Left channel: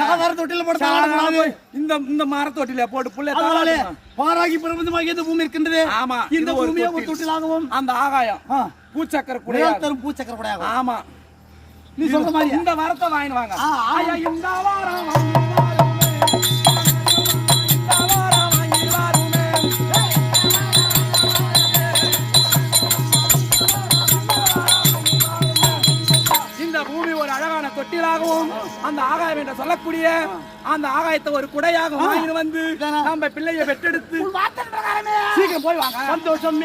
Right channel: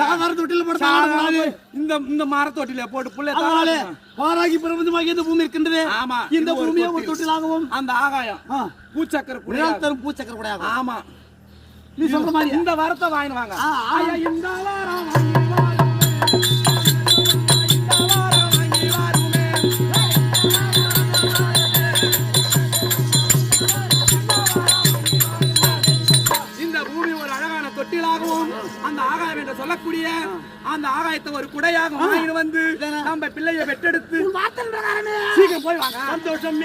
சாதாரண தொட்டில போட்டு இந்த மர தொட்டில போட்டு புள்ளை பாராகி பிரபஞ்சமாக இந்த பூமி இருக்கின்றது. ஆமா, இந்த பூமியை ஒரு தொட்டிலாகவும் அந்த ஆகாயம் பூச்சக்கர குடையாகும். பூச்சக்கர குடையாகும். ஆமா, நீ சொல்ற மாதிரி இந்த வாரத்தை வாங்கிடுவாங்க. இந்த வாரம் அந்த ஆகாயம் என்று சொல்லக்கூடிய அந்த ஆகாயத்தை ஒரு குடையாக வாங்கிட்டு வந்து நம்ம பிள்ளைய பெற்றெடுத்து சீக்கிரம் போய் வாங்க. சந்தோஷம்